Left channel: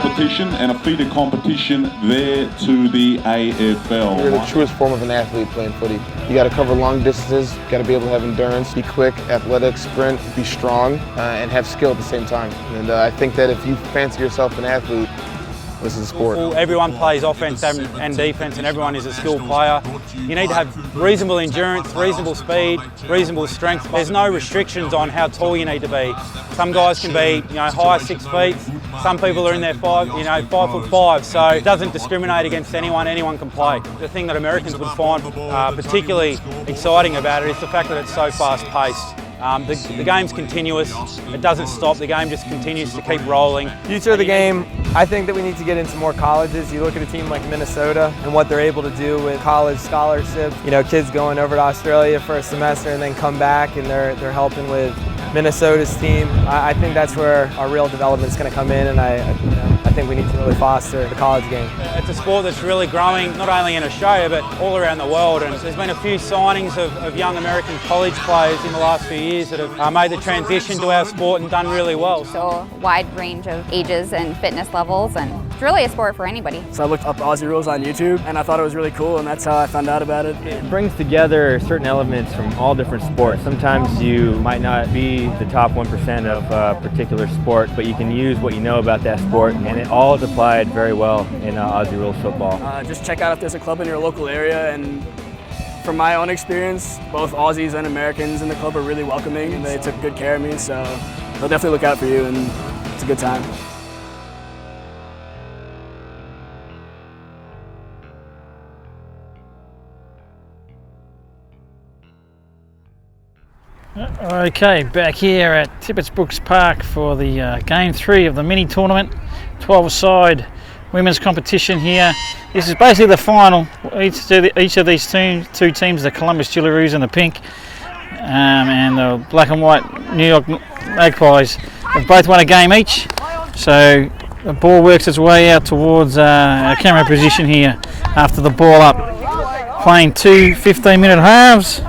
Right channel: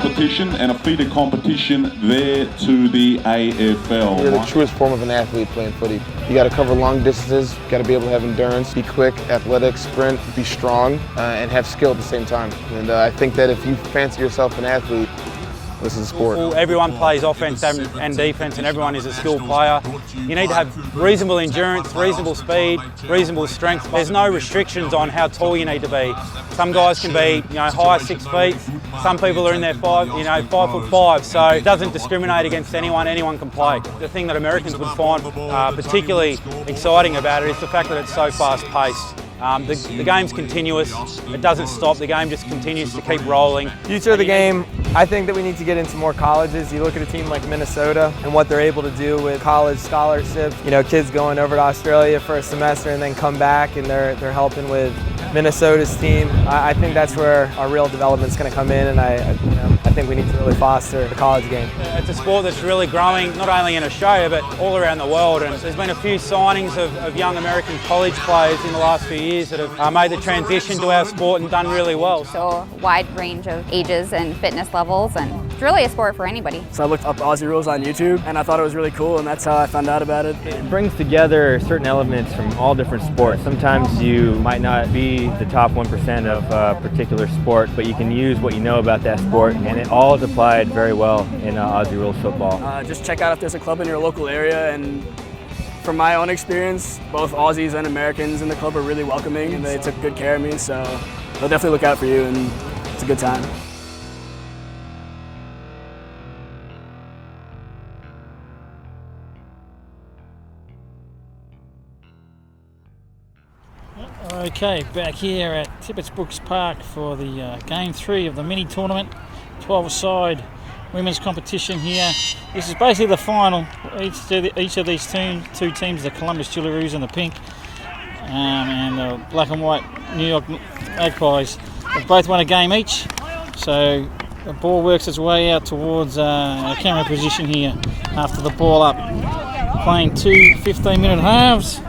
competition and a feeder competition there to the AFL. You're the truest form of an athlete playing footy. You got to cover long distances, you got to be able to have endurance, be quick, athletic, sprint, be strong, and have skill at the same time. And I think that if you fancy yourself an athlete, this is a sport. Well, everyone plays offense and defense, and everyone is a skilled player. You need to have reasonable endurance, reasonable speed, reasonable strength. There's no restrictions on how tall you need to be. Some guys can be, high 6 feet. Some people are in their 5'5", so it doesn't discriminate against anyone. Anyone can play. The thing that Americans would find particularly exciting about it is the fact that it's so fast-paced. The game's continuous, it doesn't stop, the game just continues to keep rolling. Future of the game, I think that we need to get into more colleges. You look at a team like Minnesota and what they're able to do with college scholarships. Kids going over to Australia for a semester and then come back and they're helping with Minnesota's team. I think that's where our real development's going to come in, and I think we need to really foster the college game. It's a sport that's really growing, not only in Australia but all around the world, and there's been a few signings of young American college players in the last few years that have made the transition to our sport and done really well. So a wide range of ages and fitness levels, and it's really a sport for anybody. So I looked up Aussie rules on YouTube and I thought it was really cool, and that's how I found out about it. It brings together certain elements from all different sports. Sometimes you might not be the top 1% of a particular sport, but you can use what you know about that sport, and it all is applied very well in Aussie rules football. Just check out if there's a club in your local area, and from my own experience, both Aussies and Americans in the club are really welcoming and they took good care of me, so they'll definitely look out for you, and it's a good time. Okay, back here at Tippett's Brooks Park for the Game 3 of the mini tournament, 12-a-side women's competition here. This is basically the final. Each of these two teams, the Columbus Jillaroos in the pink and the black and white New York Magpies, have both won a game each. So the ball works its way out towards our camera position here after the ball up. Playing two 15-minute halves.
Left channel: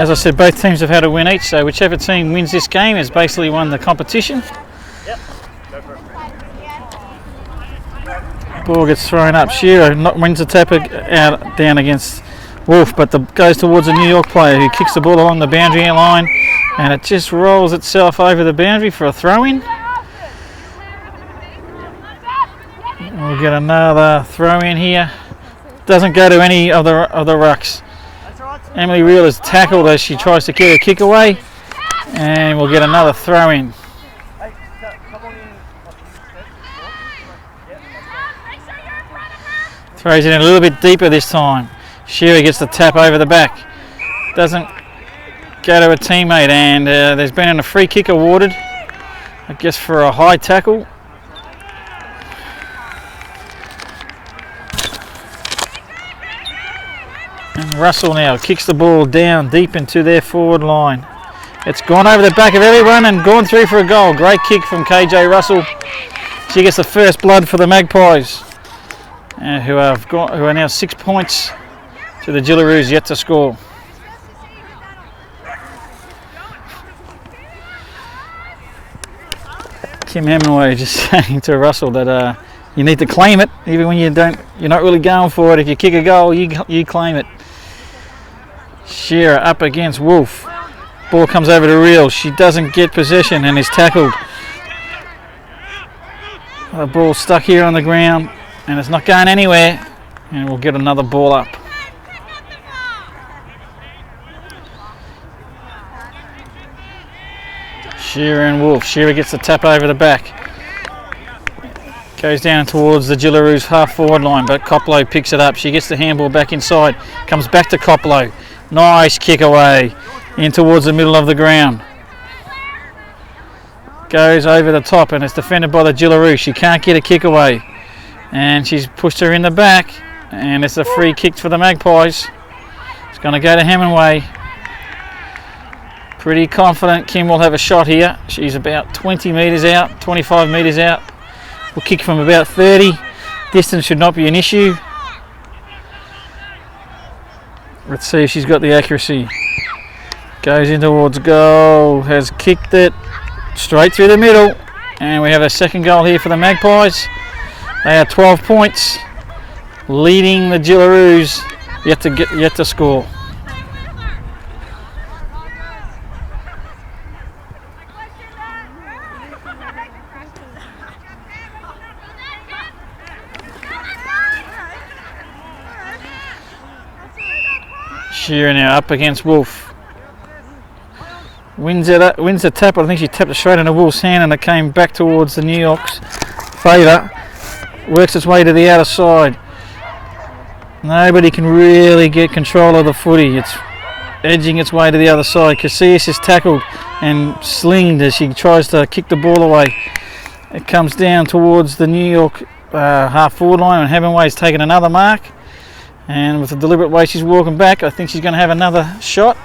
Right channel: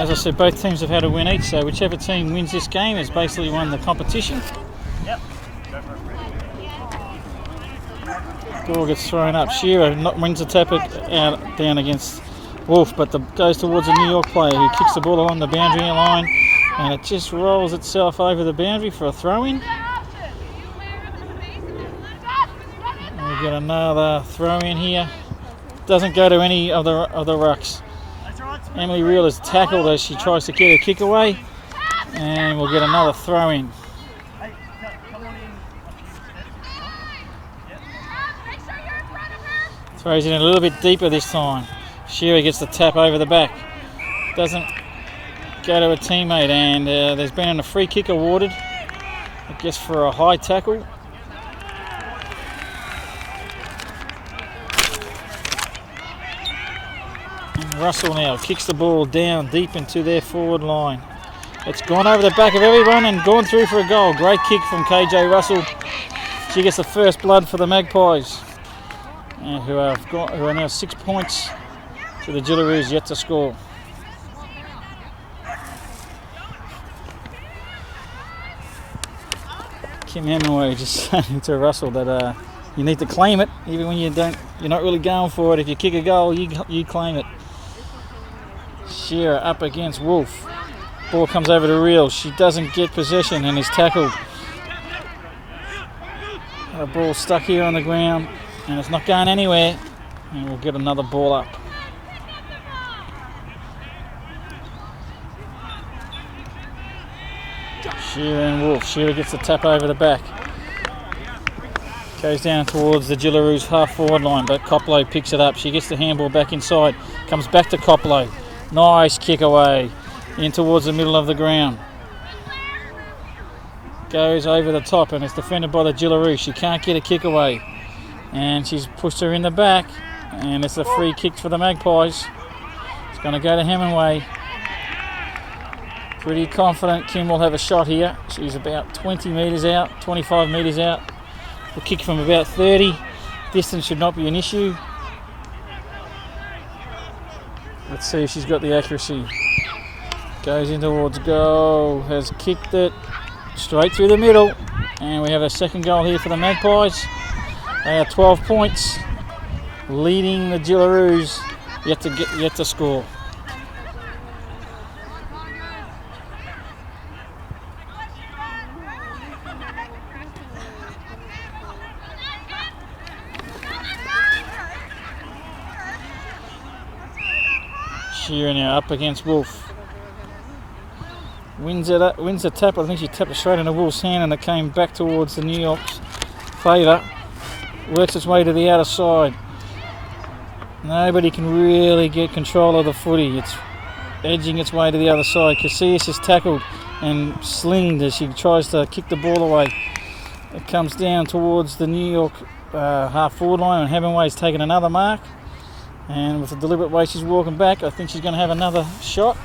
As I said, both teams have had a win each, so whichever team wins this game has basically won the competition. Ball gets thrown up. Shearer wins the tap out down against Wolf, but goes towards a New York player who kicks the ball along the boundary line, and it just rolls itself over the boundary for a throw-in. We'll get another throw-in here. Doesn't go to any of the rucks. Emily Reel is tackled as she tries to get a kick away, and we'll get another throw-in. Throws it in a little bit deeper this time. Shearer gets the tap over the back. Doesn't go to a teammate, and there's been a free kick awarded, I guess for a high tackle. And Russell now kicks the ball down deep into their forward line. It's gone over the back of everyone and gone through for a goal. Great kick from KJ Russell. She gets the first blood for the Magpies, who are now 6 points to the Jillaroos yet to score. Kim Hemingway just saying to Russell that you need to claim it, even when you're not really going for it. If you kick a goal, you claim it. Shearer up against Wolf. Ball comes over to Reel. She doesn't get possession and is tackled. The ball stuck here on the ground and it's not going anywhere, and we'll get another ball up. Shearer and Wolf. Shearer gets the tap over the back. Goes down towards the Jillaroos half forward line, but Koplo picks it up. She gets the handball back inside. Comes back to Koplo. Nice kick away in towards the middle of the ground. Goes over the top and it's defended by the Jillaroos. She can't get a kick away, and she's pushed her in the back, and it's a free kick for the Magpies. It's going to go to Hemingway. Pretty confident Kim will have a shot here. She's about 20 metres out, 25 metres out. We'll kick from about 30. Distance should not be an issue. Let's see if she's got the accuracy. Goes in towards goal, has kicked it straight through the middle. And we have a second goal here for the Magpies. They are 12 points, leading the Gillaroos, yet to score. Shearer now up against Wolf. Wins the tap. I think she tapped it straight into Wolf's hand and it came back towards the New York's favour. Works its way to the outer side. Nobody can really get control of the footy. It's edging its way to the other side. Casillas is tackled and slinged as she tries to kick the ball away. It comes down towards the New York half forward line, and Hemingway's taken another mark. And with the deliberate way she's walking back, I think she's going to have another shot.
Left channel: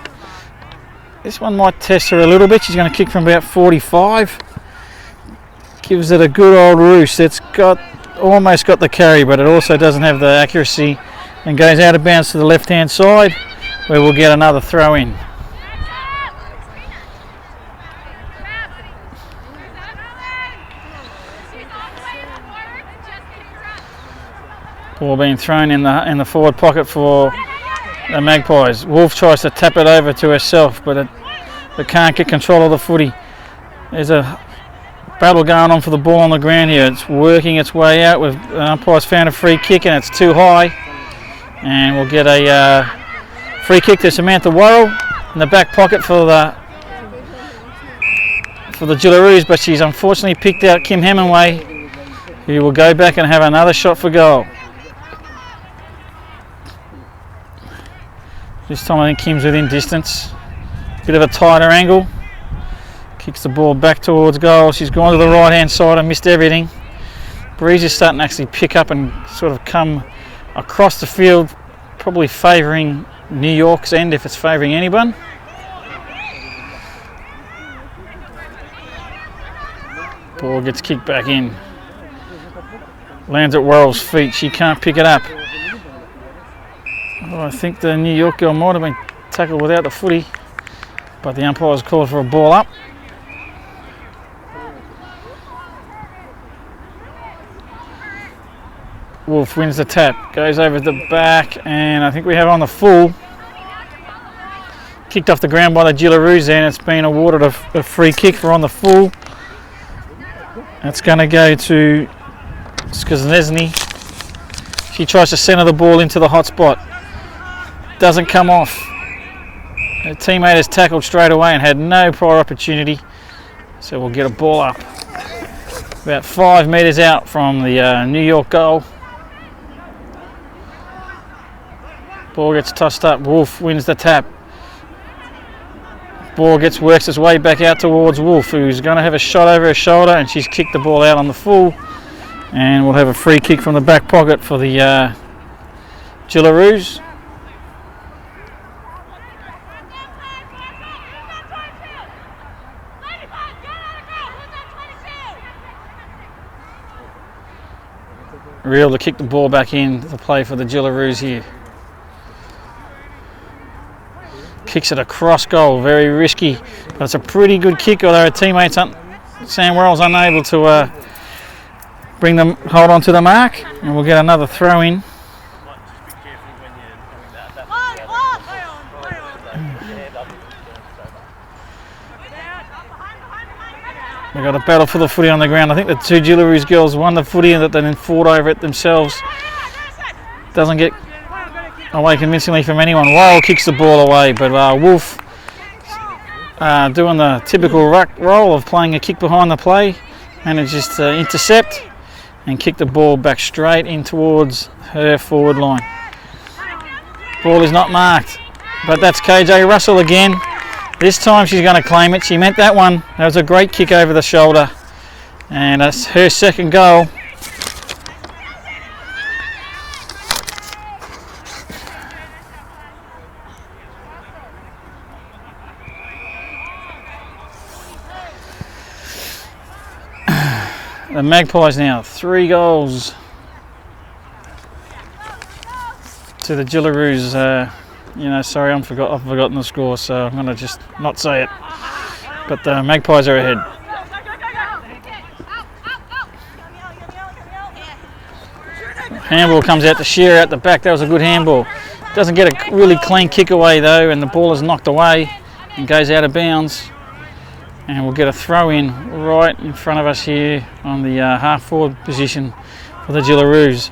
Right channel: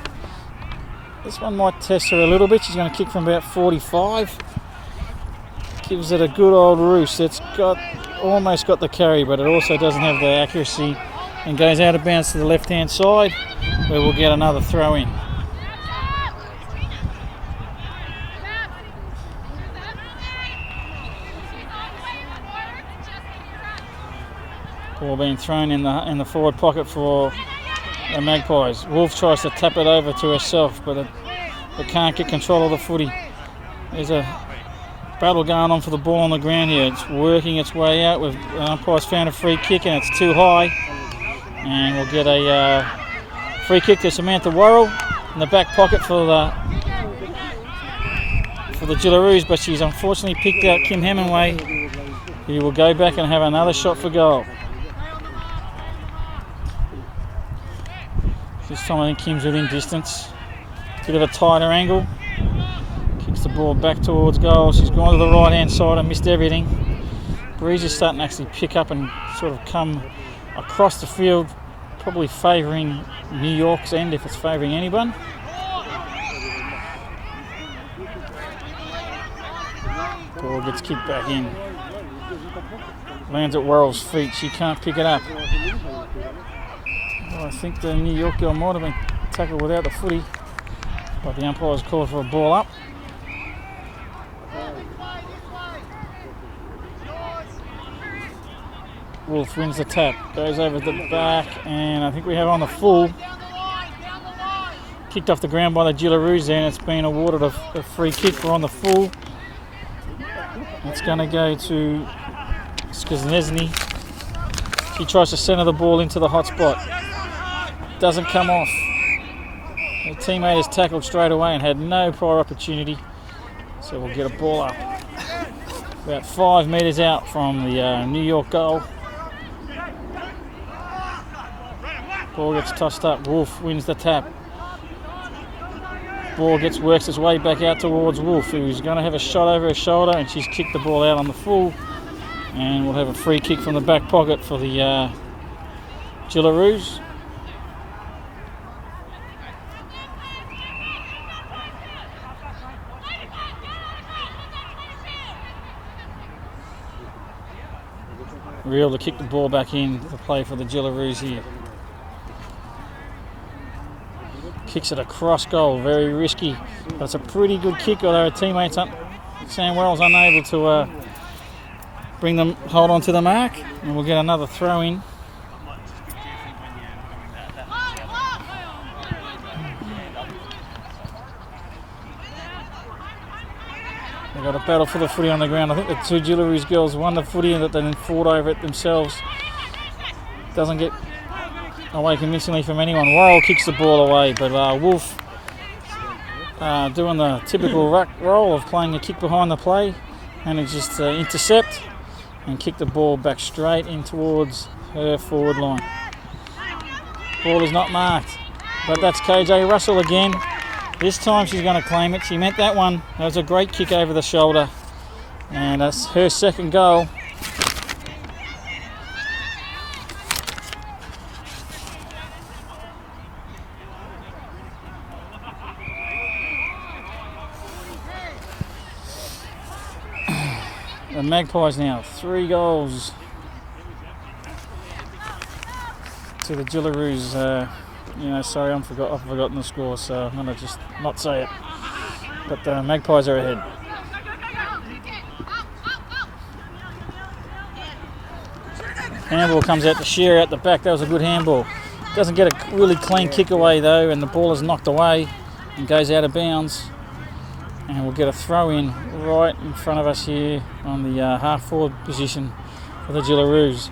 This one might test her a little bit. She's going to kick from about 45. Gives it a good old roost. It's almost got the carry, but it also doesn't have the accuracy, and goes out of bounds to the left-hand side, where we'll get another throw in. Ball being thrown in the forward pocket for the Magpies. Wolf tries to tap it over to herself, but it can't get control of the footy. There's a battle going on for the ball on the ground here. It's working its way out. With umpire's found a free kick and it's too high, and we'll get a free kick to Samantha Worrell in the back pocket for the Gillaroos, but she's unfortunately picked out Kim Hemingway, who will go back and have another shot for goal. This time I think Kim's within distance. Bit of a tighter angle. Kicks the ball back towards goal. She's gone to the right hand side and missed everything. Breeze is starting to actually pick up and sort of come across the field, probably favouring New York's end if it's favouring anyone. Ball gets kicked back in. Lands at Worrell's feet. She can't pick it up. Well, I think the New York girl might have been tackled without the footy, but the umpire's called for a ball up. Wolf wins the tap, goes over the back, and I think we have on the full. Kicked off the ground by the Gillaroos there, and it's been awarded a free kick for on the full. That's going to go to Skaznesny. She tries to centre the ball into the hot spot. Doesn't come off. Her teammate is tackled straight away and had no prior opportunity, so we'll get a ball up. About 5 metres out from the New York goal. Ball gets tossed up. Wolf wins the tap. Ball works its way back out towards Wolf, who's going to have a shot over her shoulder, and she's kicked the ball out on the full. And we'll have a free kick from the back pocket for the Gillaroos. Real to kick the ball back in to play for the Gillaroos here. Kicks it across goal, very risky, but it's a pretty good kick, although her teammates, Sam Worrell's unable to hold on to the mark, and we'll get another throw in. We've got a battle for the footy on the ground. I think the two Gillaroos girls won the footy and that they then fought over it themselves. Doesn't get away convincingly from anyone. Worrell kicks the ball away, but Wolf doing the typical ruck role of playing a kick behind the play, manages to intercept and kick the ball back straight in towards her forward line. Ball is not marked, but that's KJ Russell again. This time she's going to claim it. She meant that one. That was a great kick over the shoulder, and that's her second goal. The Magpies now 3 goals to the Gillaroos. Sorry, I've forgotten the score, so I'm going to just not say it. But the Magpies are ahead. Handball comes out to Shearer at the back. That was a good handball. Doesn't get a really clean kick away though, and the ball is knocked away and goes out of bounds. And we'll get a throw in right in front of us here on the half forward position for the Gillaroos.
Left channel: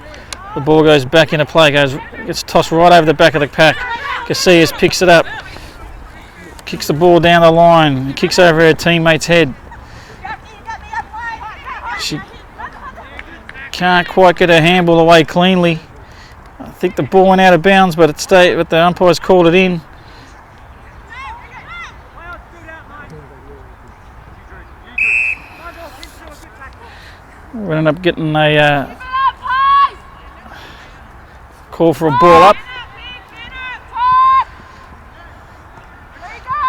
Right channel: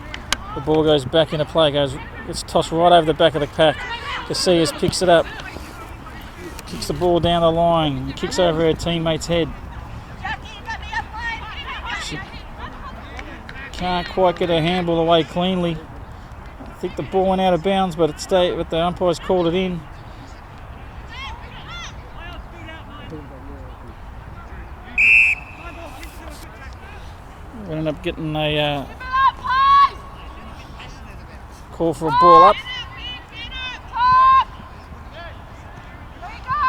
The ball goes back into play, gets tossed right over the back of the pack. Casillas picks it up, kicks the ball down the line, kicks over her teammate's head. She can't quite get her handball away cleanly. I think the ball went out of bounds, but the umpires called it in. We ended up getting a call for a ball up.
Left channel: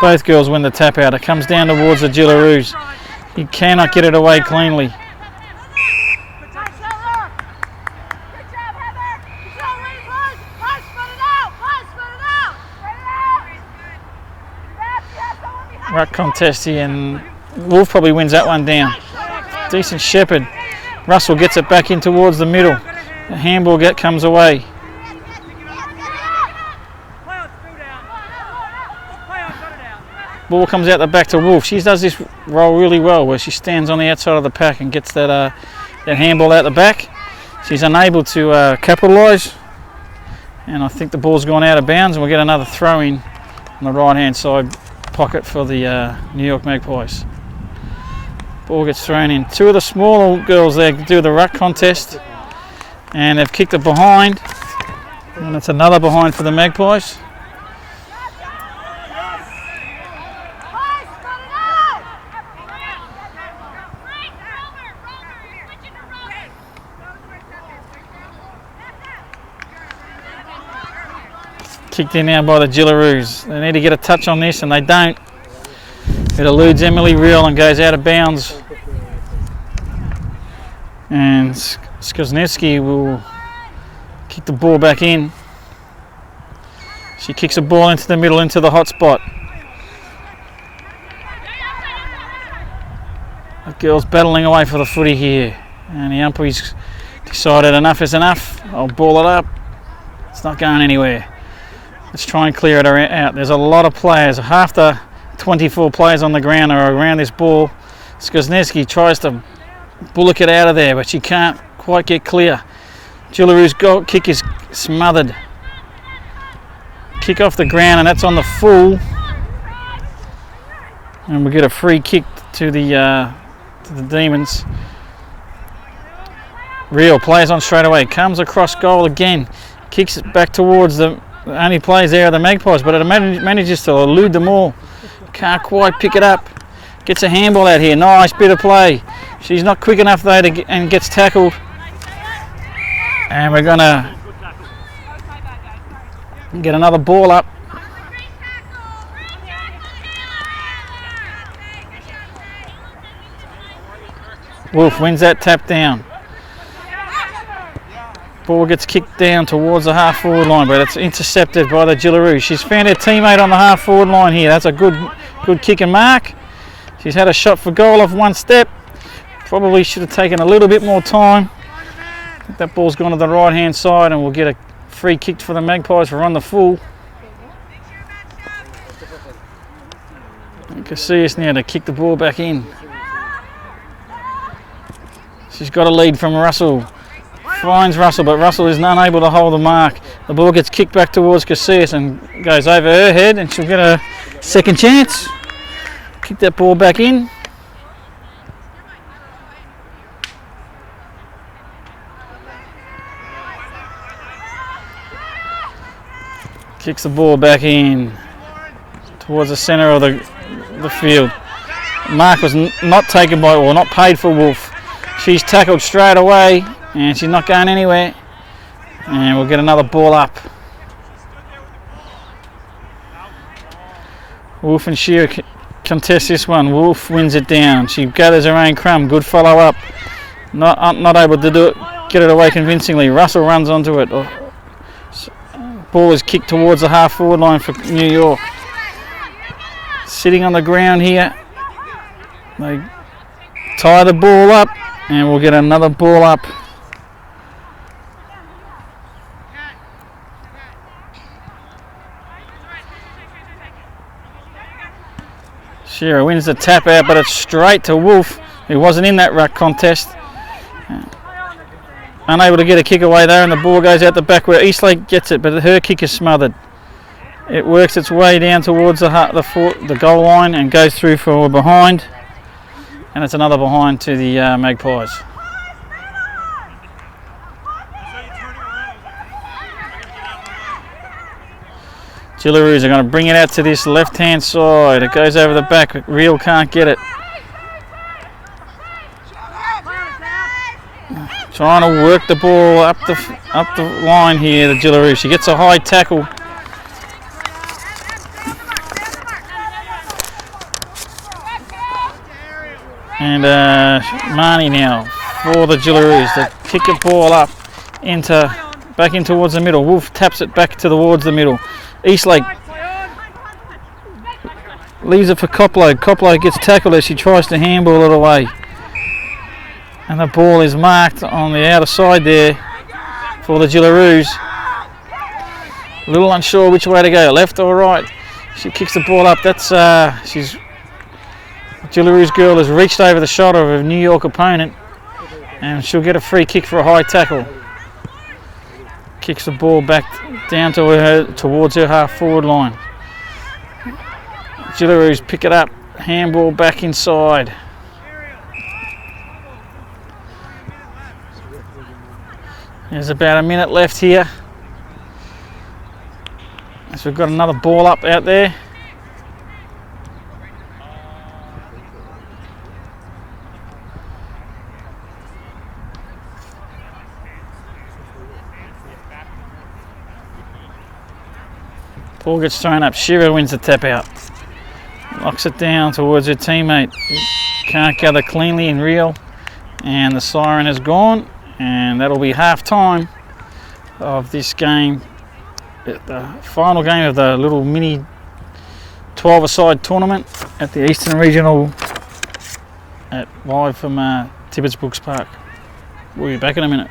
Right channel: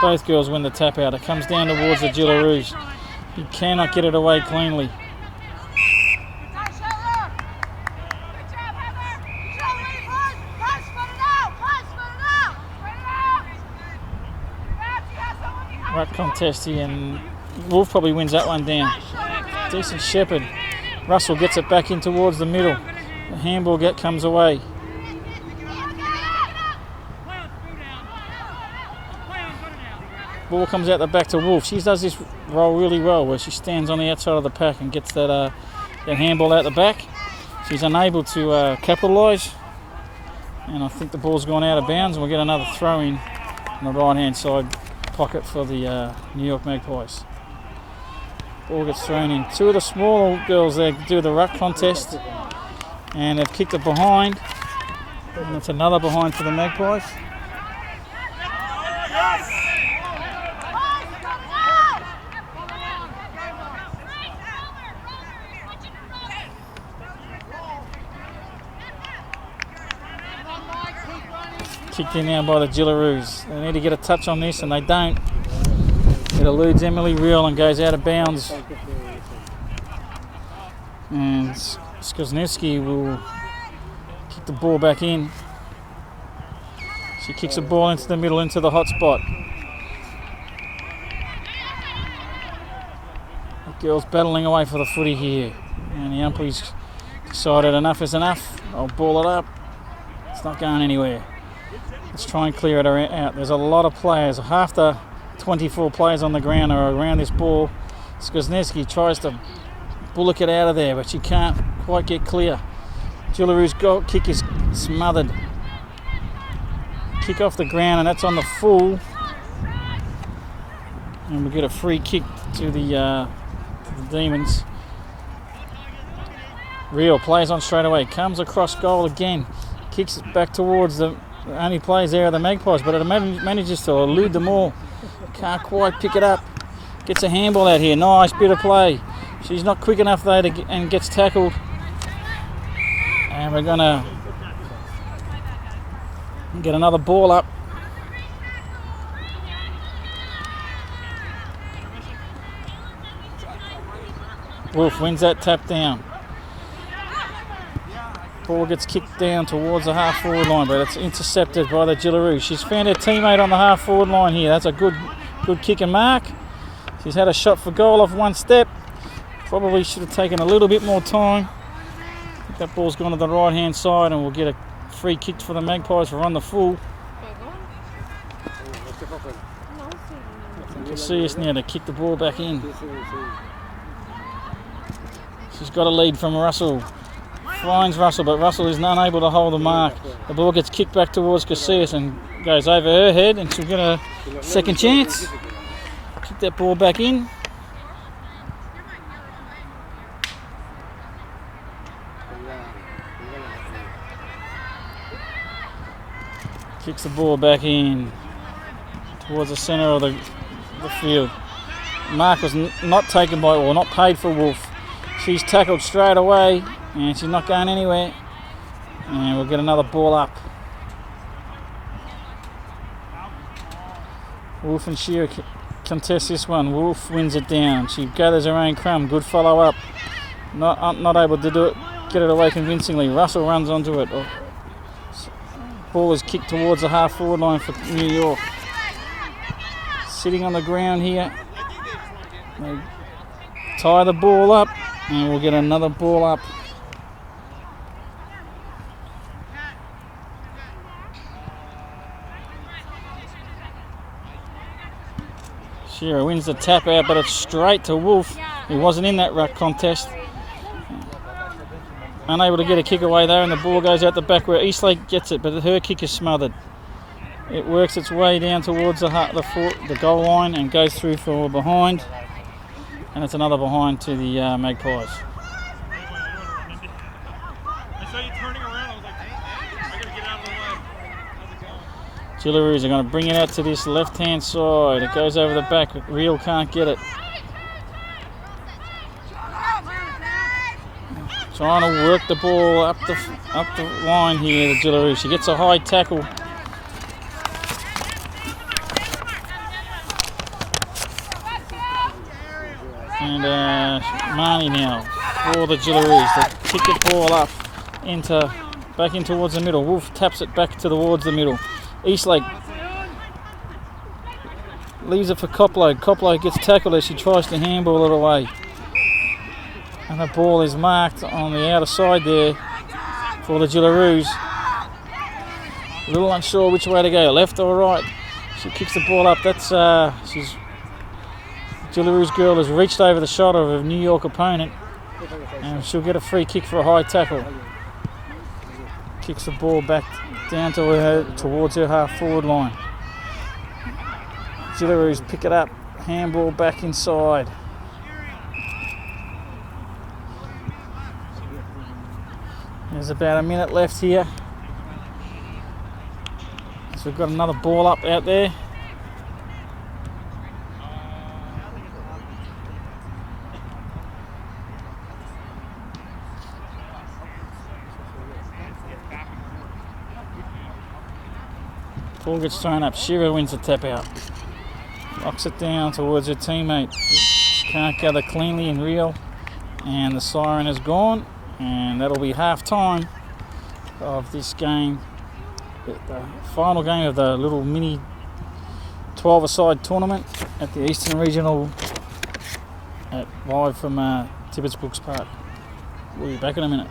Both girls win the tap out. It comes down towards the Gillaroos. He cannot get it away cleanly. Ruck contest here, and Wolf probably wins that one down. Decent shepherd. Russell gets it back in towards the middle. The handball comes away. Ball comes out the back to Wolf. She does this role really well, where she stands on the outside of the pack and gets that handball out the back. She's unable to capitalise, and I think the ball's gone out of bounds, and we'll get another throw in on the right hand side pocket for the New York Magpies. Ball gets thrown in. Two of the smaller girls there do the ruck contest, and they've kicked it behind, and it's another behind for the Magpies. Kicked in now by the Gillaroos. They need to get a touch on this, and they don't. It eludes Emily Reel and goes out of bounds. And Skoznevsky will kick the ball back in. She kicks the ball into the middle, into the hot spot. The girl's battling away for the footy here, and the umpire's decided enough is enough. I'll ball it up. It's not going anywhere. Let's try and clear it out. There's a lot of players. Half the 24 players on the ground are around this ball. Skoznevsky tries to bullock it out of there, but she can't quite get clear. Gillaroos' goal kick is smothered. Kick off the ground, and that's on the full. And we get a free kick to the Demons. Real plays on straight away. Comes across goal again. Kicks it back towards the only plays there are the Magpies, but it manages to elude them all. Can't quite pick it up. Gets a handball out here. Nice bit of play. She's not quick enough though and gets tackled. And we're gonna get another ball up. Wolf wins that tap down. Ball gets kicked down towards the half forward line, but it's intercepted by the Gillaroos. She's found her teammate on the half forward line here. That's a good kick and mark. She's had a shot for goal off one step. Probably should have taken a little bit more time. I think that ball's gone to the right hand side, and we'll get a free kick for the Magpies for on the full. You can see us now to kick the ball back in. She's got a lead from Russell. Finds Russell, but Russell is unable to hold the mark. The ball gets kicked back towards Casillas and goes over her head, and she'll get a second chance. Kick that ball back in. Kicks the ball back in towards the centre of the field. Mark was not taken by, or not paid for Wolf. She's tackled straight away, and she's not going anywhere. And we'll get another ball up. Wolf and Shearer contest this one. Wolf wins it down. She gathers her own crumb. Good follow up. Not able to do it. Get it away convincingly. Russell runs onto it. Ball is kicked towards the half forward line for New York. Sitting on the ground here. They tie the ball up, and we'll get another ball up. Shearer wins the tap out, but it's straight to Wolf, who wasn't in that ruck contest. Unable to get a kick away there, and the ball goes out the back where Eastlake gets it, but her kick is smothered. It works its way down towards the goal line and goes through for a behind, and it's another behind to the Magpies. Gillaroos are going to bring it out to this left-hand side. It goes over the back. Real can't get it. Trying to work the ball up the line here, the Gillaroos. She gets a high tackle. And Marnie now for the Gillaroos. They kick the ball up back in towards the middle. Wolf taps it back towards the middle. Eastlake leaves it for Coplow. Coplow gets tackled as she tries to handball it away. And the ball is marked on the outer side there for the Gillaroos. A little unsure which way to go, left or right. She kicks the ball up. Gillaroos girl has reached over the shoulder of a New York opponent, and she'll get a free kick for a high tackle. Kicks the ball back down towards her half forward line. Gillaroos pick it up, handball back inside. There's about a minute left here. So we've got another ball up out there. Ball gets thrown up. Shearer wins the tap out. Locks it down towards her teammate. Can't gather cleanly and real. And the siren is gone. And that'll be half time of this game. The final game of the little mini 12-a-side tournament at the Eastern Regional live from Tibbets Brooks Park. We'll be back in a minute.